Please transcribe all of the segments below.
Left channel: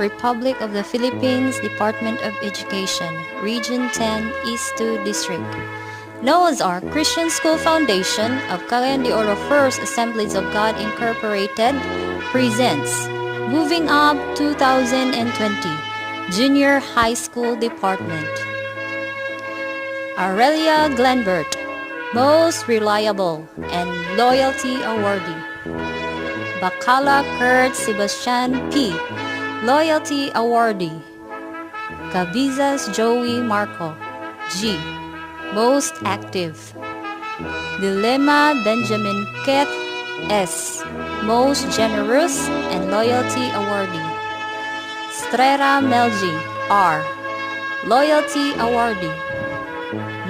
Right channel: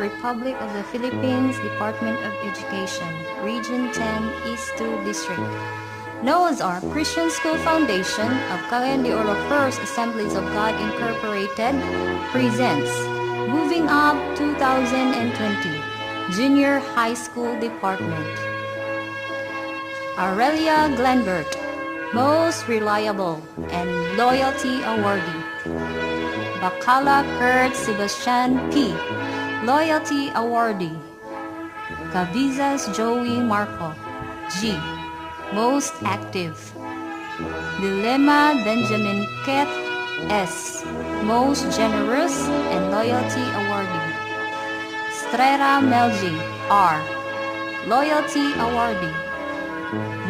Republic of the Philippines, Department of Education, Region 10, East 2 District. Our Christian School Foundation of Cagayan de Oro First Assemblies of God Incorporated presents Moving Up 2020 Junior High School Department. Aurelia Glenbert, Most Reliable and Loyalty Awardee. Bacala Kurt Sebastian P, Loyalty Awardee. Cavizas Joey Marco, G, Most Active. Dilema Benjamin Keth S, Most Generous and Loyalty Awardee. Strera Melji R, Loyalty Awardee.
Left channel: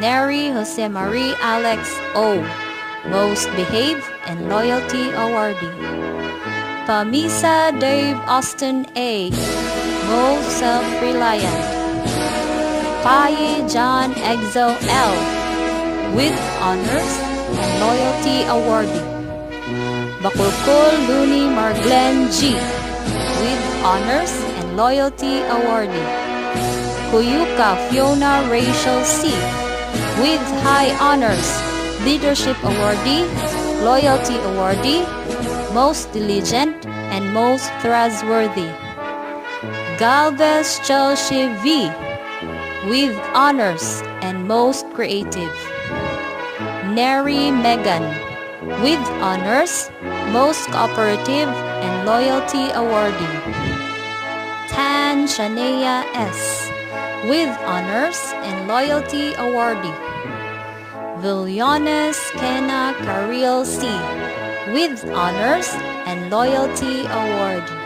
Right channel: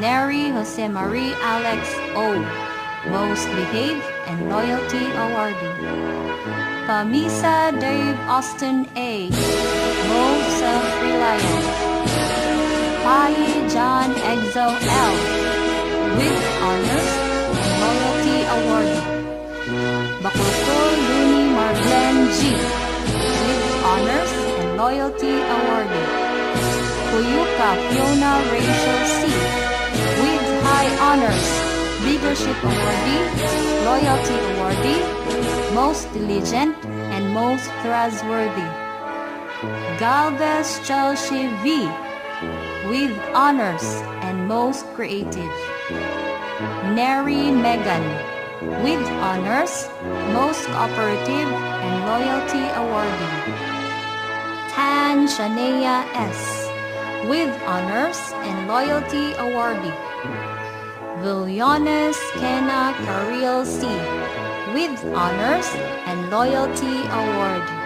Neri Jose Marie Alex O, Most Behaved and Loyalty Awardee. Pamisa Dave Austin A, Most Self-Reliant. Paye John Exo L, with Honors and Loyalty Awardee. Bakulkol Luni Marglen G, with Honors and Loyalty Awardee. Kuyuka Fiona Rachel C, with High Honors, Leadership Awardee, Loyalty Awardee, Most Diligent and Most Trustworthy. Galvez Chelsea V, with Honors and Most Creative. Neri Megan, with Honors, Most Cooperative and Loyalty Awardee. Tan Shania S, with Honors and Loyalty Awardee. Villones Kena Caril C, with Honors and Loyalty Awardee.